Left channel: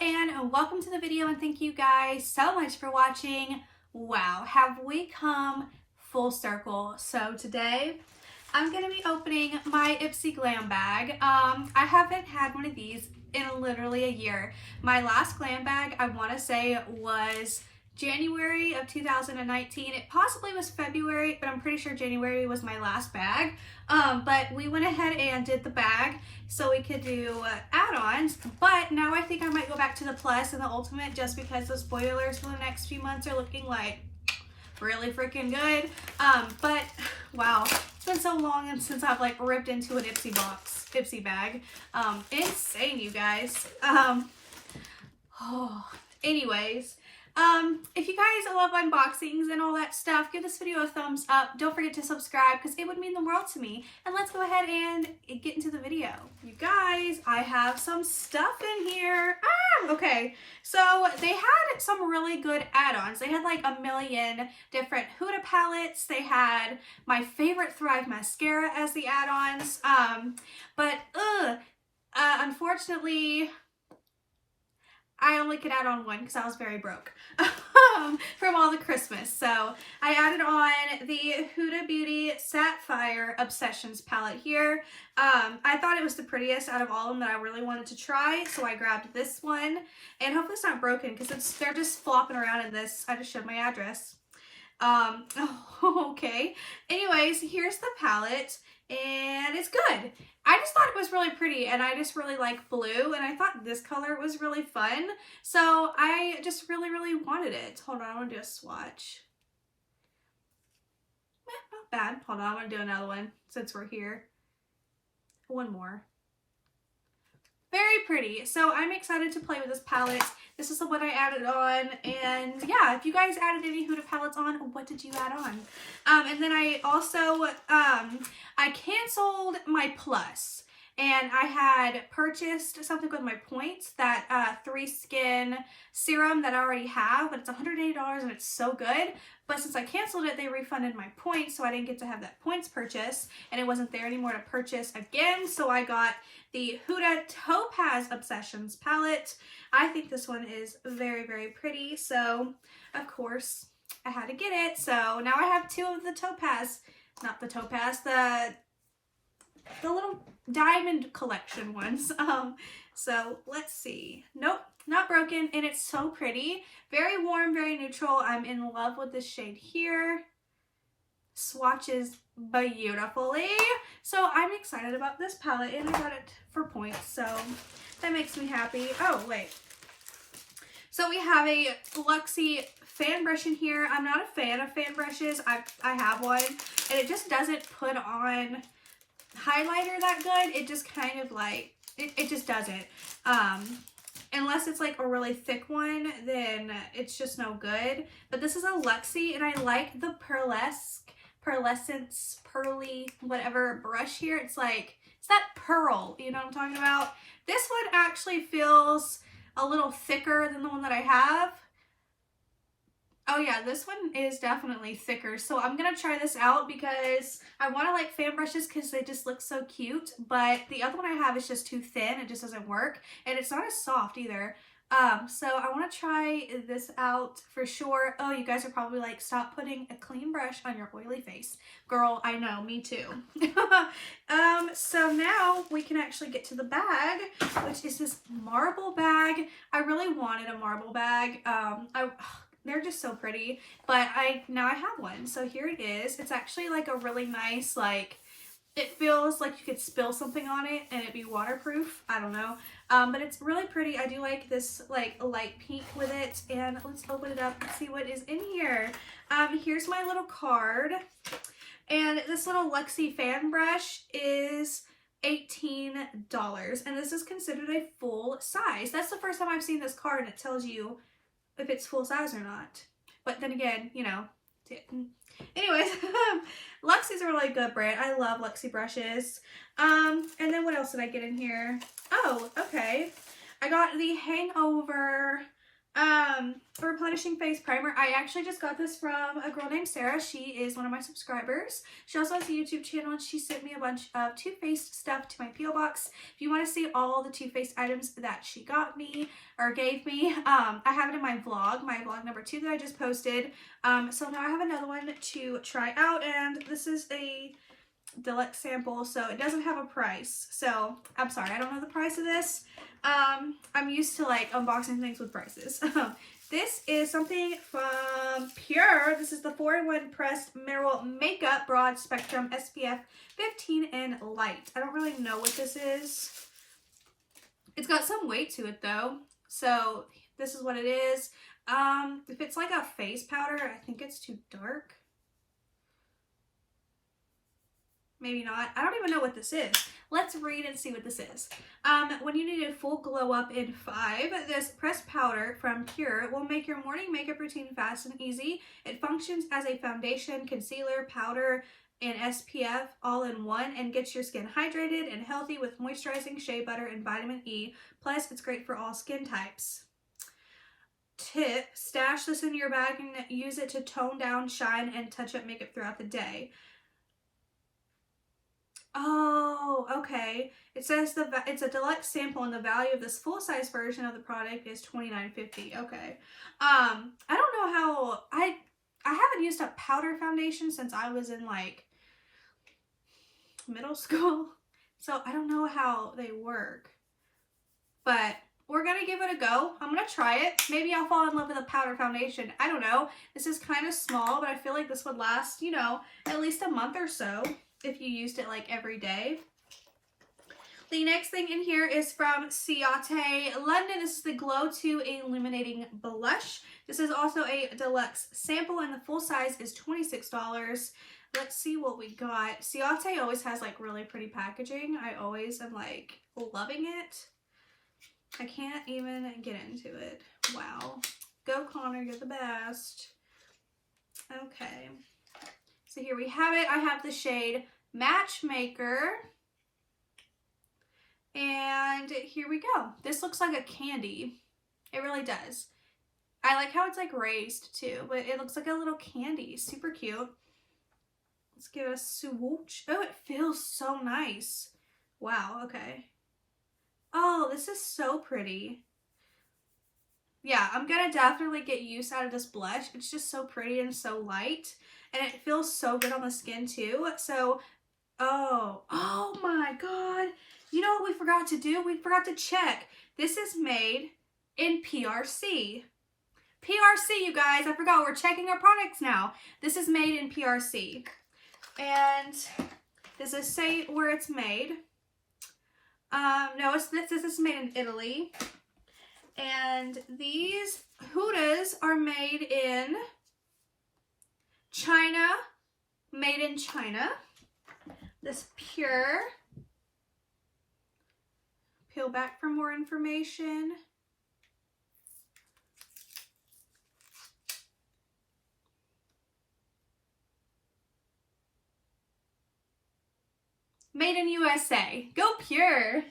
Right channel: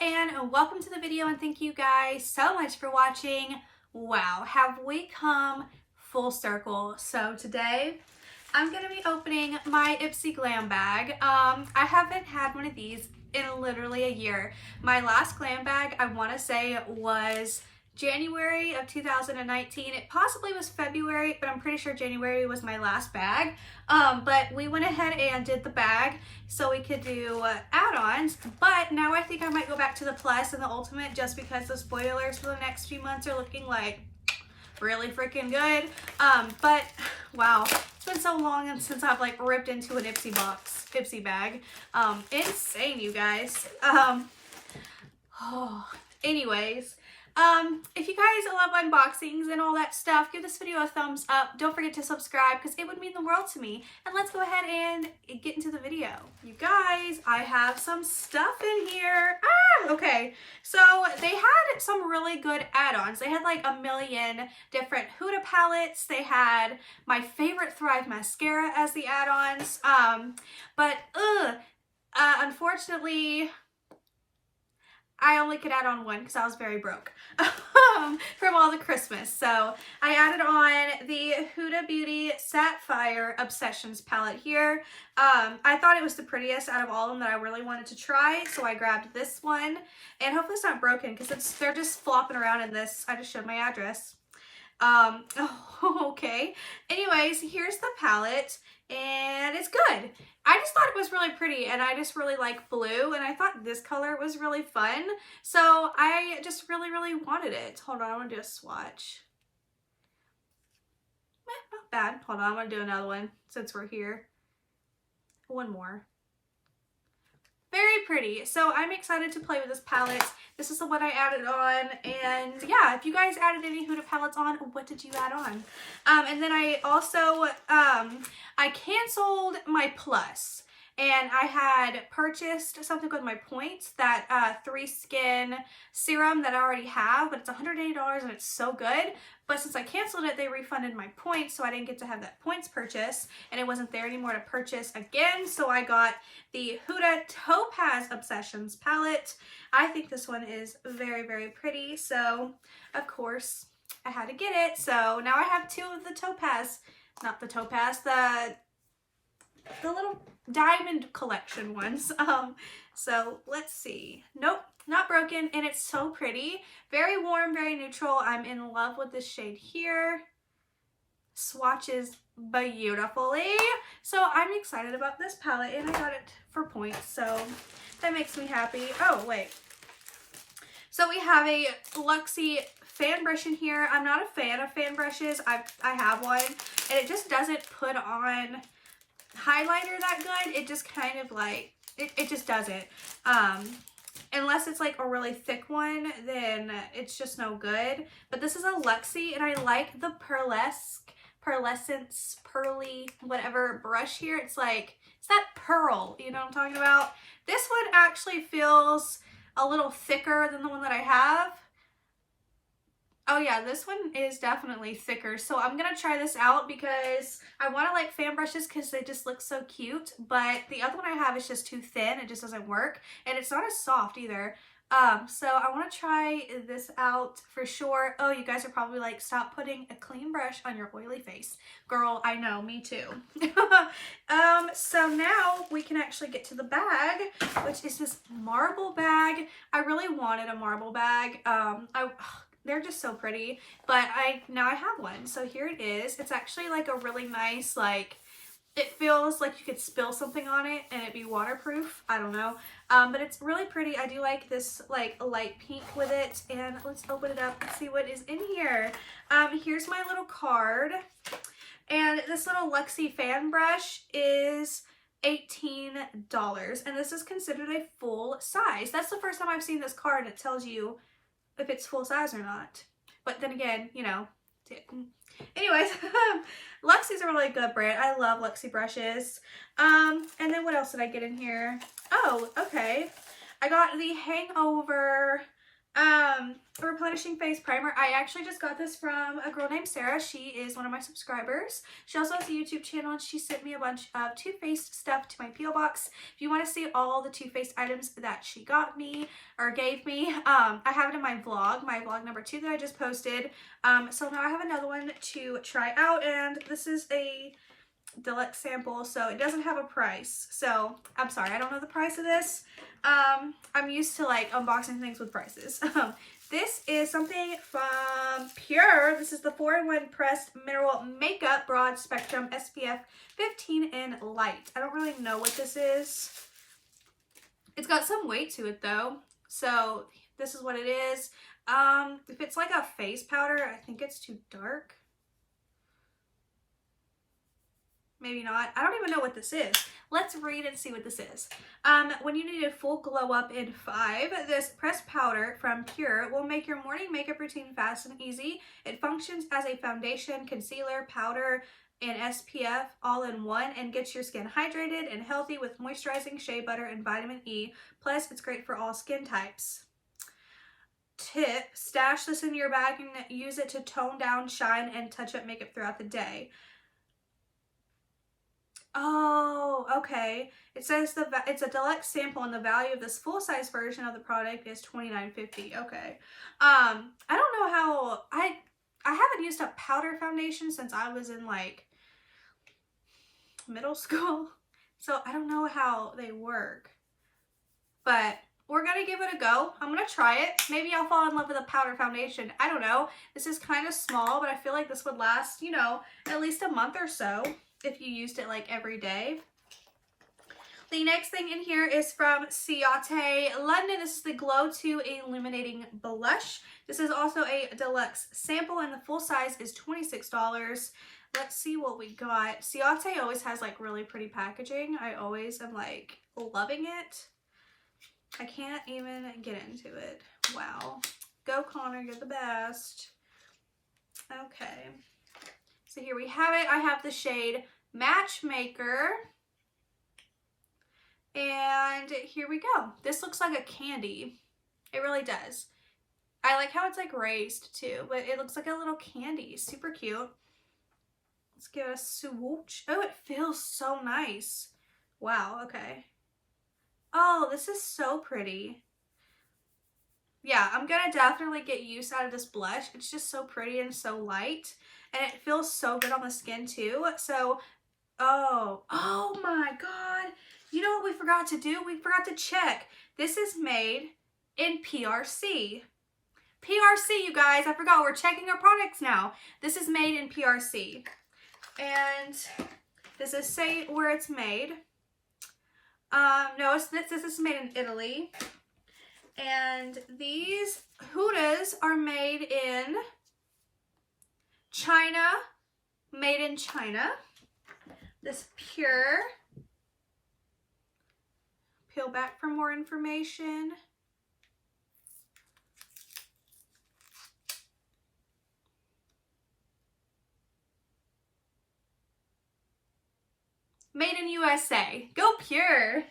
and welcome to the video, and thank you guys so much for watching. Wow, have we come full circle? So today I'm gonna be opening my Ipsy Glam bag. I haven't had one of these in literally a year. My last glam bag, I want to say, was January of 2019. It possibly was February, but I'm pretty sure January was my last bag. But we went ahead and did the bag so we could do add-ons, but now I think I might go back to the Plus and the Ultimate just because the spoilers for the next few months are looking like really freaking good. But wow, it's been so long since I've like ripped into an Ipsy bag. Insane, you guys. Anyways, if you guys love unboxings and all that stuff, give this video a thumbs up. Don't forget to subscribe because it would mean the world to me. And let's go ahead and get into the video. You guys, I have some stuff in here. Okay. So they had some really good add-ons. They had like a million different Huda palettes. They had my favorite Thrive mascara as the add-ons. Unfortunately, I only could add on one because I was very broke from all the Christmas. So I added on the Huda Beauty Sapphire Obsessions palette here. I thought it was the prettiest out of all of them that I really wanted to try. So I grabbed this one, and hopefully it's not broken because they're just flopping around in this. I just showed my address. Okay. Anyways, here's the palette, and it's good. I just thought it was really pretty, and I just really like blue, and I thought this color was really fun, so I just really wanted it. Hold on, I want to do a swatch. Not bad. Hold on, I want to do another one since we're here. One more. Very pretty. So I'm excited to play with this palette. This is the one I added on, and yeah, if you guys added any Huda palettes on, what did you add on? And then I also, I canceled my Plus, and I had purchased something with my points, that 3 Skin serum that I already have, but it's $180 and it's so good. But since I canceled it, they refunded my points, so I didn't get to have that points purchase, and it wasn't there anymore to purchase again. So I got the Huda Topaz Obsessions palette. I think this one is very pretty, so of course I had to get it. So now I have 2 of the Topaz, not the Topaz, the little diamond collection ones. So let's see. Nope, not broken, and it's so pretty. Very warm, very neutral. I'm in love with this shade here. Swatches beautifully. So I'm excited about this palette, and I got it for points, so that makes me happy. Oh, wait. So we have a Luxie fan brush in here. I'm not a fan of fan brushes. I have one, and it just doesn't put on highlighter that good. It just kind of like, it just doesn't. Unless it's like a really thick one, then it's just no good. But this is a Luxie, and I like the pearlescence, pearly, whatever brush here. It's like, it's that pearl, you know what I'm talking about? This one actually feels a little thicker than the one that I have. Oh yeah, this one is definitely thicker. So I'm going to try this out because I want to like fan brushes because they just look so cute. But the other one I have is just too thin. It just doesn't work. And it's not as soft either. So I want to try this out for sure. Oh, you guys are probably like, stop putting a clean brush on your oily face. Girl, I know, me too. So now we can actually get to the bag, which is this marble bag. I really wanted a marble bag. They're just so pretty, but now I have one. So here it is. It's actually like a really nice, like, it feels like you could spill something on it and it'd be waterproof. I don't know. But it's really pretty. I do like this like light pink with it. And let's open it up and see what is in here. Here's my little card. And this little Luxie fan brush is $18. And this is considered a full size. That's the first time I've seen this card, and it tells you if it's full size or not. But then again, you know, anyways, Luxie's a really good brand. I love Luxie brushes. And then what else did I get in here? Oh, okay. I got the Hangover replenishing face primer. I actually just got this from a girl named Sarah. She is one of my subscribers. She also has a YouTube channel, and she sent me a bunch of Too Faced stuff to my P.O. box. If you want to see all the Too Faced items that she got me or gave me, I have it in my vlog number 2 that I just posted. So now I have another one to try out, and this is a deluxe sample, so it doesn't have a price. So I'm sorry, I don't know the price of this. I'm used to like unboxing things with prices. This is something from Pure. This is the 4-in-1 Pressed Mineral Makeup Broad Spectrum SPF 15 in Light. I don't really know what this is. It's got some weight to it though, so this is what it is. If it's like a face powder, I think it's too dark. Maybe not. I don't even know what this is. Let's read and see what this is. When you need a full glow up in 5, this pressed powder from Pure will make your morning makeup routine fast and easy. It functions as a foundation, concealer, powder, and SPF all in one, and gets your skin hydrated and healthy with moisturizing shea butter and vitamin E. Plus, it's great for all skin types. Tip: stash this in your bag and use it to tone down, shine, and touch up makeup throughout the day. Oh, okay. It says it's a deluxe sample, and the value of this full-size version of the product is $29.50. Okay. I don't know how I haven't used a powder foundation since I was in like middle school, so I don't know how they work. But we're gonna give it a go. I'm gonna try it. Maybe I'll fall in love with a powder foundation. I don't know. This is kind of small, but I feel like this would last, you know, at least a month or so if you used it like every day. The next thing in here is from Ciate London. This is the Glow 2 Illuminating Blush. This is also a deluxe sample, and the full size is $26. Let's see what we got. Ciate always has like really pretty packaging. I always am like loving it. I can't even get into it. Wow. Go Connor, you're the best. Okay. So here we have it. I have the shade Matchmaker. And here we go. This looks like a candy. It really does. I like how it's like raised too, but it looks like a little candy. Super cute. Let's give it a swoosh. Oh, it feels so nice. Wow, okay. Oh, this is so pretty. Yeah, I'm gonna definitely get use out of this blush. It's just so pretty and so light, and it feels so good on the skin too. So, oh my God. You know what we forgot to do? We forgot to check. This is made in PRC. PRC, you guys. I forgot. We're checking our products now. This is made in PRC. And does it say where it's made? No, this is made in Italy. And these Hudas are made in China. Made in China. This Pure. Peel back for more information. Made in USA. Go Pure.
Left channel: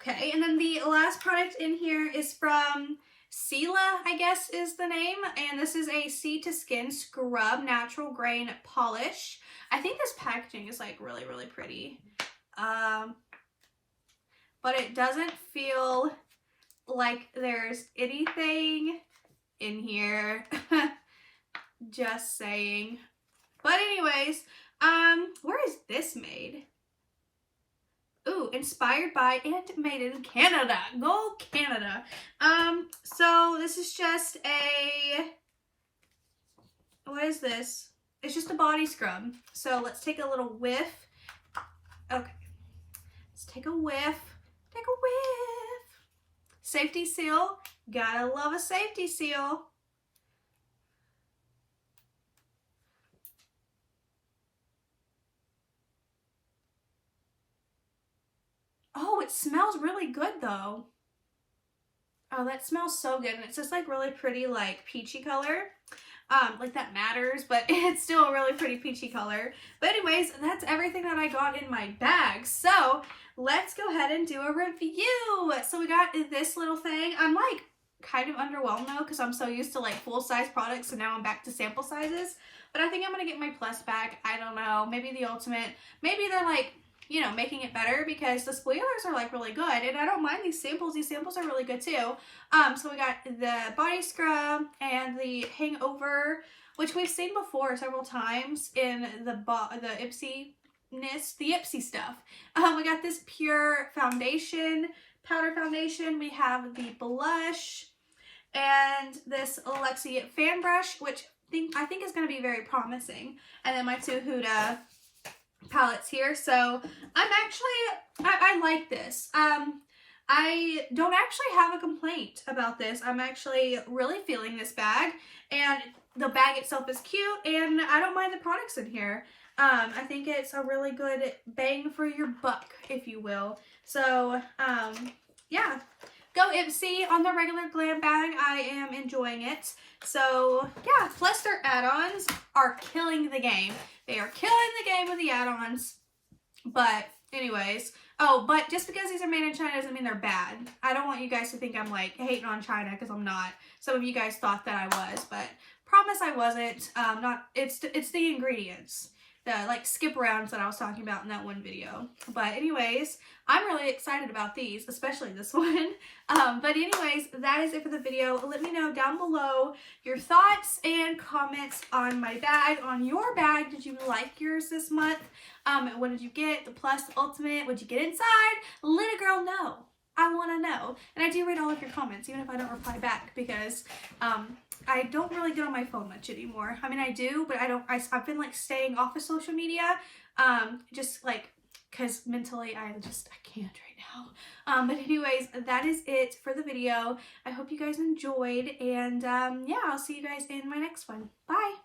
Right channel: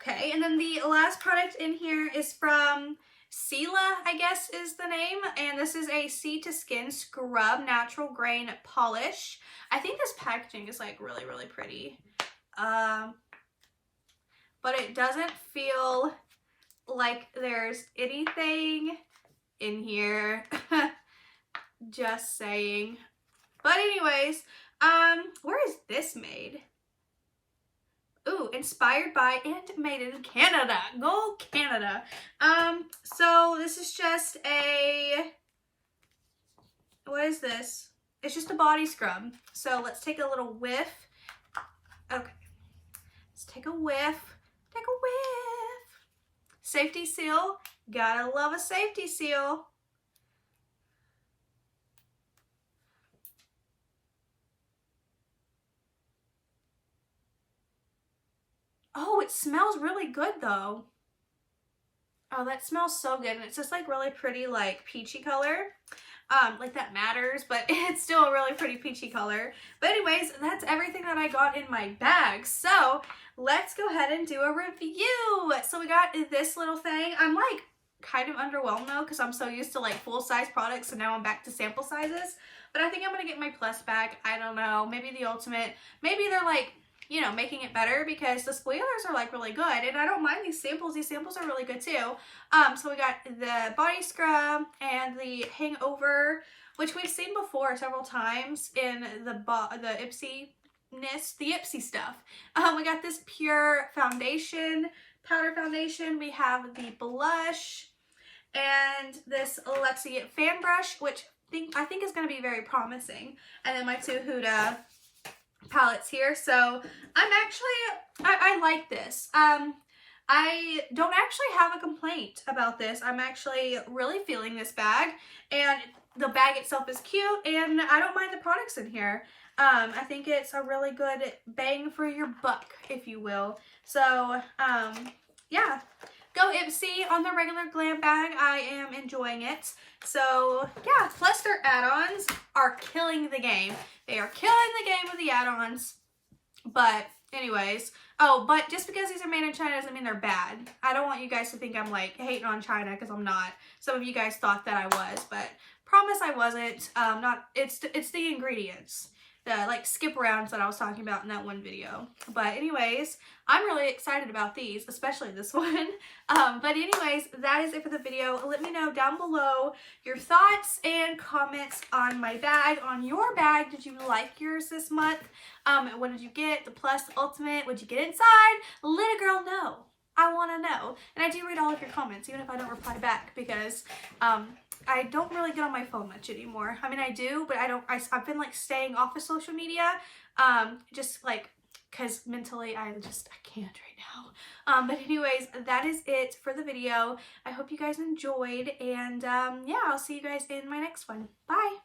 Okay, and then the last product in here is from Sela, I guess is the name, and this is a Sea to Skin Scrub Natural Grain Polish. I think this packaging is like really, really pretty. But it doesn't feel like there's anything in here. Just saying. But anyways, where is this made? Ooh, inspired by and made in Canada. Go Canada. So this is just a, what is this? It's just a body scrub. So let's take a little whiff. Okay. Let's take a whiff. Take a whiff. Safety seal. Gotta love a safety seal. Oh, it smells really good though. Oh, that smells so good. And it's just like really pretty, like peachy color. Like that matters, but it's still a really pretty peachy color. But anyways, that's everything that I got in my bag. So let's go ahead and do a review. So we got this little thing. I'm like kind of underwhelmed though, because I'm so used to like full-size products, and now I'm back to sample sizes. But I think I'm gonna get my plus bag. I don't know, maybe the ultimate. Maybe they're like, you know, making it better, because the spoilers are like really good, and I don't mind these samples. These samples are really good too. So we got the body scrub and the hangover, which we've seen before several times in the Ipsy stuff. We got this pure foundation, powder foundation. We have the blush and this Lexi fan brush, which I think is going to be very promising. And then my two Huda palettes here. So I'm actually, I like this. I don't actually have a complaint about this. I'm actually really feeling this bag, and the bag itself is cute, and I don't mind the products in here. I think it's a really good bang for your buck, if you will. So, yeah. Go Ipsy on the regular glam bag. I am enjoying it. So, yeah. Plus, their add-ons are killing the game. They are killing the game with the add-ons. But, anyways. Oh, but just because these are made in China doesn't mean they're bad. I don't want you guys to think I'm, like, hating on China, because I'm not. Some of you guys thought that I was, but promise I wasn't. It's the ingredients. The like skip rounds that I was talking about in that one video. But anyways, I'm really excited about these, especially this one. But anyways, that is it for the video. Let me know down below your thoughts and comments on my bag, on your bag. Did you like yours this month? What did you get? The plus, the ultimate? What'd you get inside? Let a girl know. I want to know. And I do read all of your comments, even if I don't reply back, because I don't really get on my phone much anymore. I mean, I do, but I've been like staying off of social media, just like, because mentally I can't right now. But anyways, that is it for the video. I hope you guys enjoyed, and yeah, I'll see you guys in my next one. Bye!